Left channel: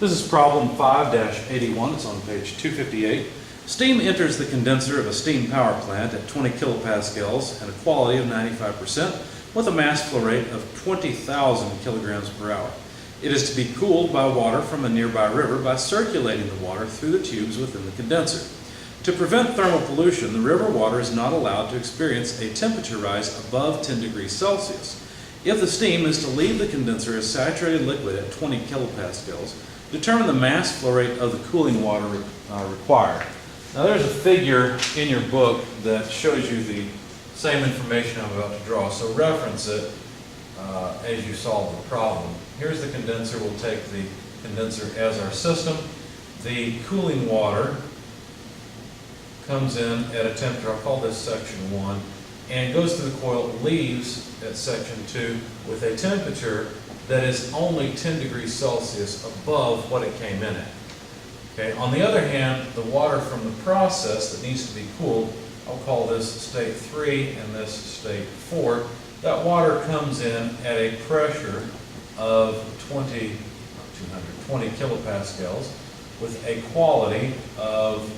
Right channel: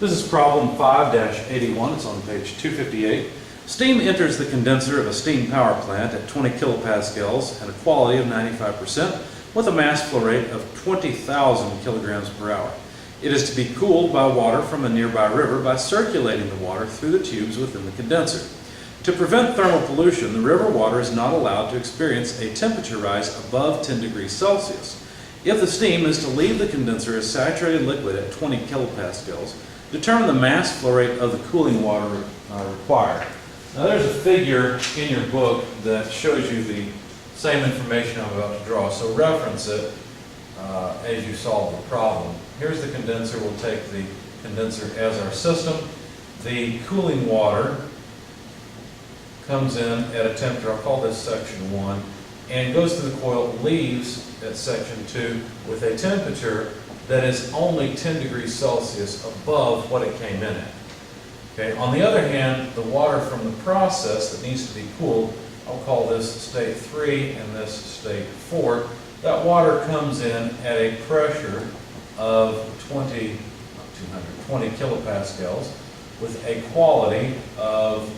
This is problem 5-81. It's on page 258. Steam enters the condenser of a steam power plant at 20 kilopascals and a quality of 95% with a mass flow rate of 20,000 kilograms per hour. It is to be cooled by water from a nearby river by circulating the water through the tubes within the condenser. To prevent thermal pollution, the river water is not allowed to experience a temperature rise above 10 degrees Celsius. If the steam is to leave the condenser as saturated liquid at 20 kilopascals, determine the mass flow rate of the cooling water required. Now there's a figure in your book that shows you the same information I'm about to draw, so reference it as you solve the problem. Here's the condenser. We'll take the condenser as our system. The cooling water comes in at a temperature, I'll call this section 1, and goes through the coil, leaves at section 2 with a temperature that is only 10 degrees Celsius above what it came in at. Okay. On the other hand, the water from the process that needs to be cooled, I'll call this state 3 and this state 4, that water comes in at a pressure of 20 kilopascals with a quality of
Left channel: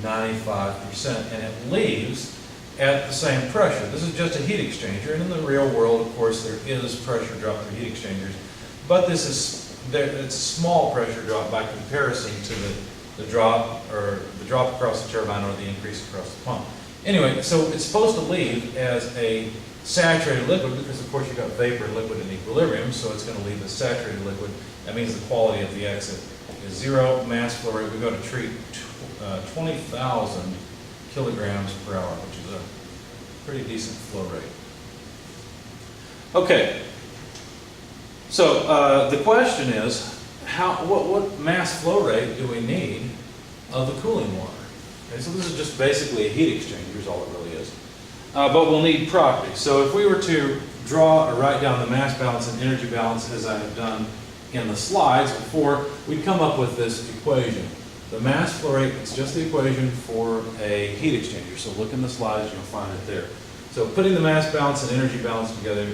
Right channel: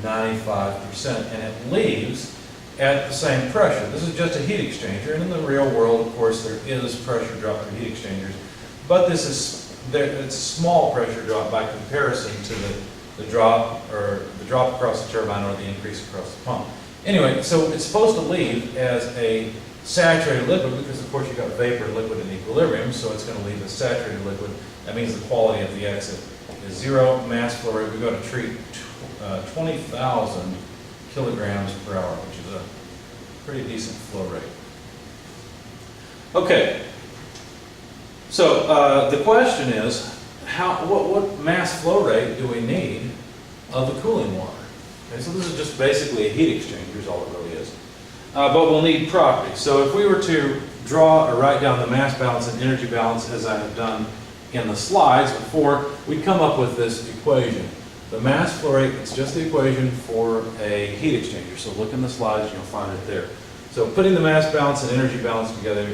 95%, and it leaves at the same pressure. This is just a heat exchanger, and in the real world, of course, there is pressure drop for heat exchangers, but this is it's a small pressure drop by comparison to the drop across the turbine or the increase across the pump. Anyway, so it's supposed to leave as a saturated liquid because, of course, you've got vapor and liquid in equilibrium, so it's going to leave as saturated liquid. That means the quality of the exit is 0. Mass flow rate, we're going to treat 20,000 kilograms per hour, which is a pretty decent flow rate. Okay, so the question is, what mass flow rate do we need of the cooling water? Okay, so this is just basically a heat exchanger is all it really is. But we'll need properties. So if we were to draw or write down the mass balance and energy balance as I have done in the slides before, we'd come up with this equation. The mass flow rate, it's just the equation for a heat exchanger. So look in the slides and you'll find it there. So putting the mass balance and energy balance together,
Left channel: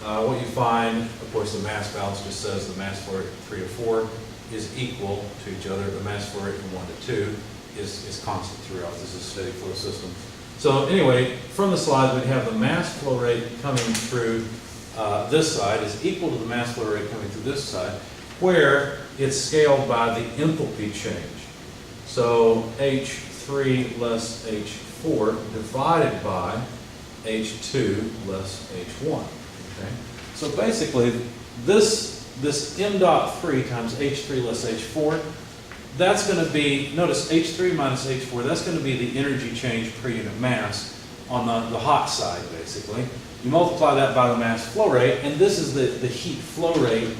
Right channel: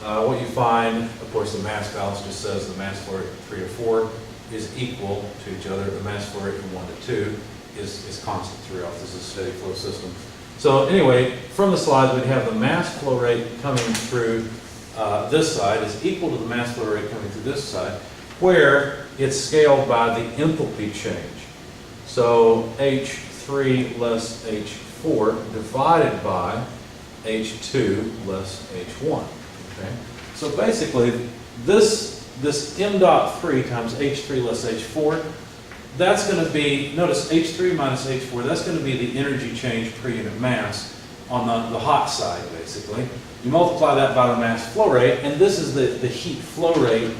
what you find, of course, the mass balance just says the mass flow rate from 3 to 4 is equal to each other. The mass flow rate from 1 to 2 is constant throughout. This is a steady flow system. So anyway, from the slides, we'd have the mass flow rate coming through this side is equal to the mass flow rate coming through this side, where it's scaled by the enthalpy change. So H3 less H4 divided by H2 less H1. Okay? So basically, this m dot 3 times H3 less H4, that's going to be, notice H3 minus H4, that's going to be the energy change per unit mass on the hot side, basically. You multiply that by the mass flow rate, and this is the heat flow rate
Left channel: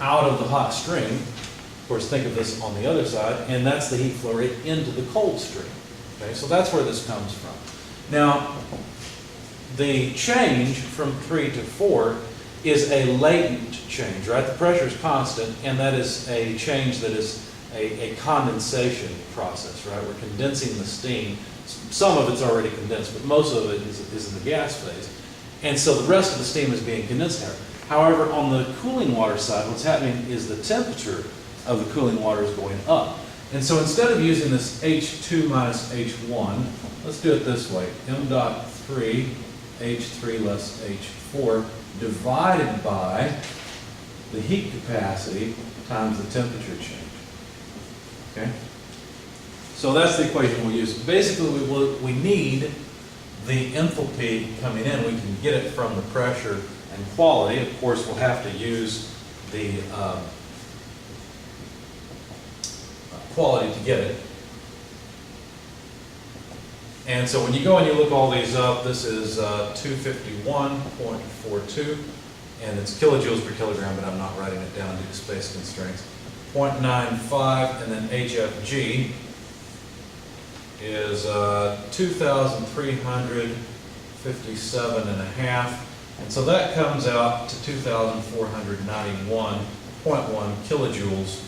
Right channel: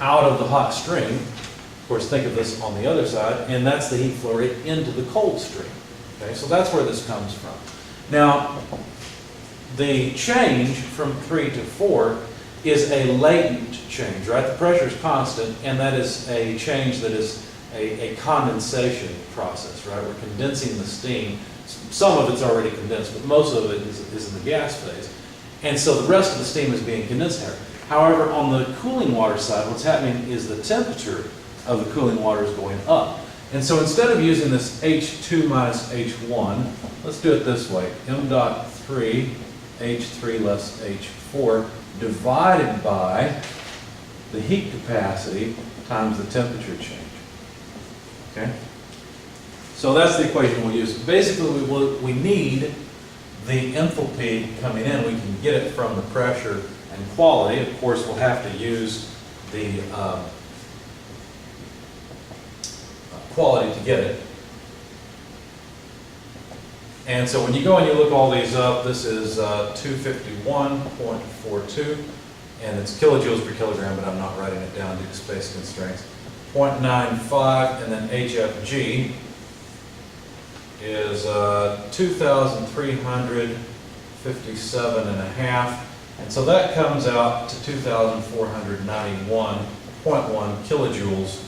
out of the hot stream. Of course, think of this on the other side, and that's the heat flow rate into the cold stream. Okay, so that's where this comes from. Now, the change from 3 to 4 is a latent change, right? The pressure is constant, and that is a change that is a condensation process, right? We're condensing the steam. Some of it's already condensed, but most of it is in the gas phase. And so the rest of the steam is being condensed here. However, on the cooling water side, what's happening is the temperature of the cooling water is going up. And so instead of using this H2 minus H1, let's do it this way. M dot 3, H3 less H4, divided by the heat capacity times the temperature change. Okay? So that's the equation we'll use. Basically, we need the enthalpy coming in. We can get it from the pressure and quality. Of course, we'll have to use the quality to get it. And so when you go and you look all these up, this is 251.42, and it's kilojoules per kilogram, but I'm not writing it down due to space constraints. 0.95, and then HFG is 2,357.5, and so that comes out to 2,491.1 kilojoules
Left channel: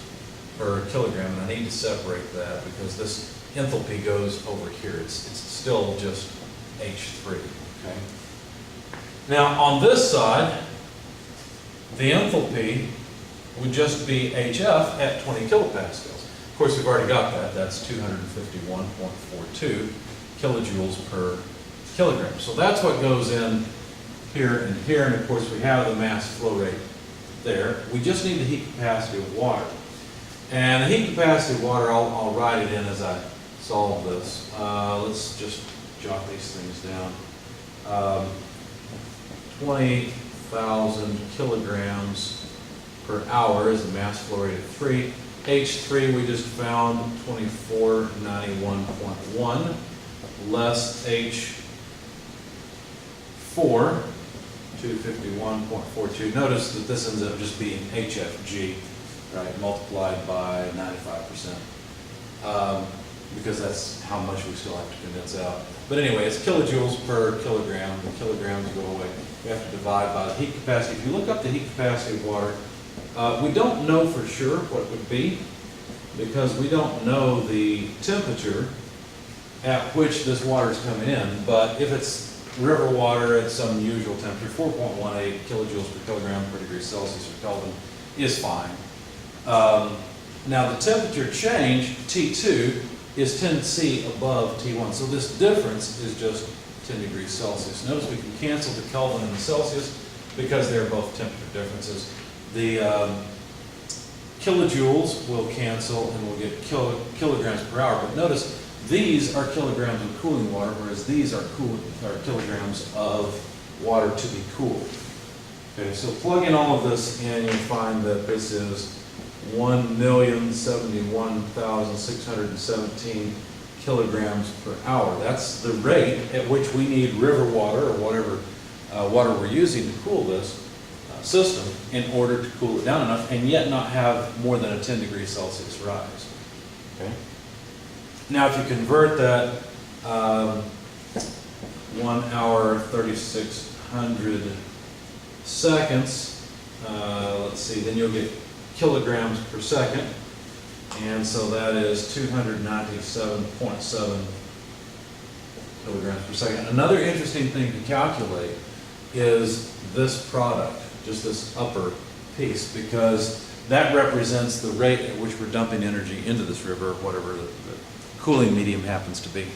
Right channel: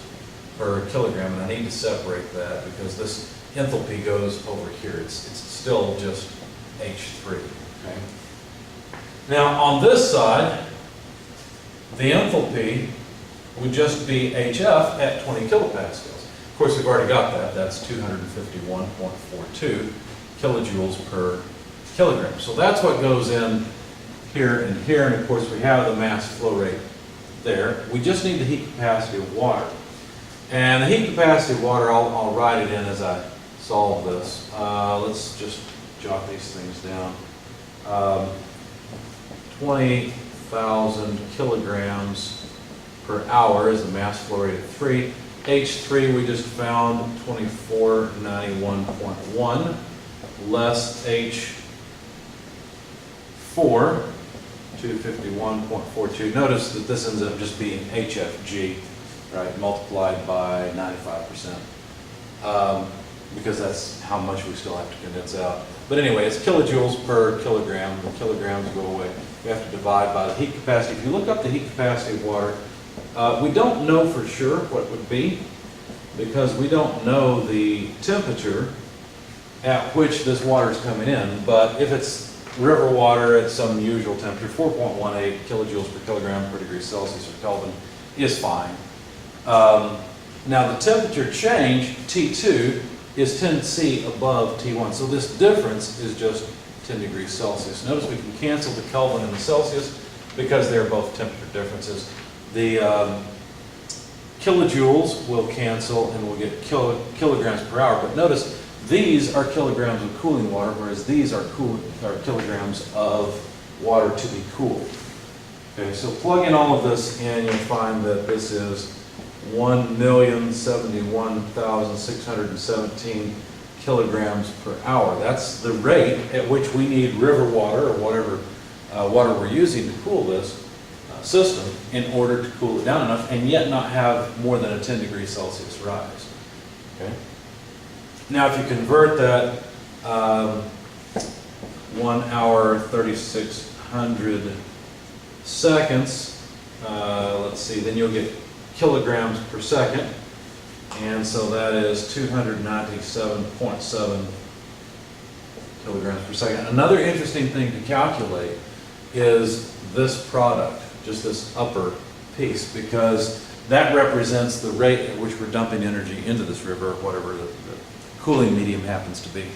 per kilogram, and I need to separate that because this enthalpy goes over here. It's still just H3. Okay. Now on this side, the enthalpy would just be HF at 20 kilopascals. Of course, we've already got that. That's 251.42 kilojoules per kilogram. So that's what goes in here and here. And of course, we have the mass flow rate there. We just need the heat capacity of water. And the heat capacity of water, I'll write it in as I solve this. Let's just jot these things down. 20,000 kilograms per hour is the mass flow rate of 3. H3 we just found 2491.1 less H4 251.42. Notice that this ends up just being HFG, right, multiplied by 95%, because that's how much we still have to condense out. But anyway, it's kilojoules per kilogram. The kilograms go away. We have to divide by the heat capacity. If you look up the heat capacity of water, we don't know for sure what it would be, because we don't know the temperature at which this water is coming in. But if it's river water at some usual temperature, 4.18 kilojoules per kilogram per degree Celsius or Kelvin is fine. Now the temperature change, T2, is 10C above T1. So this difference is just 10 degrees Celsius. Notice we can cancel the Kelvin and the Celsius because they're both temperature differences. The kilojoules will cancel and we'll get kilograms per hour. But notice these are kilograms of cooling water, whereas these are kilograms of water to be cooled. Okay, so plug in all of this in, you'll find that this is 1,071,617 kilograms per hour. That's the rate at which we need river water or whatever water we're using to cool this system in order to cool it down enough and yet not have more than a 10 degrees Celsius rise. Okay. Now if you convert that 1 hour 3600 seconds, let's see, then you'll get kilograms per second, and so that is 297.7 kilograms per second. Another interesting thing to calculate is this product, just this upper piece, because that represents the rate at which we're dumping energy into this river, whatever the cooling medium happens to be.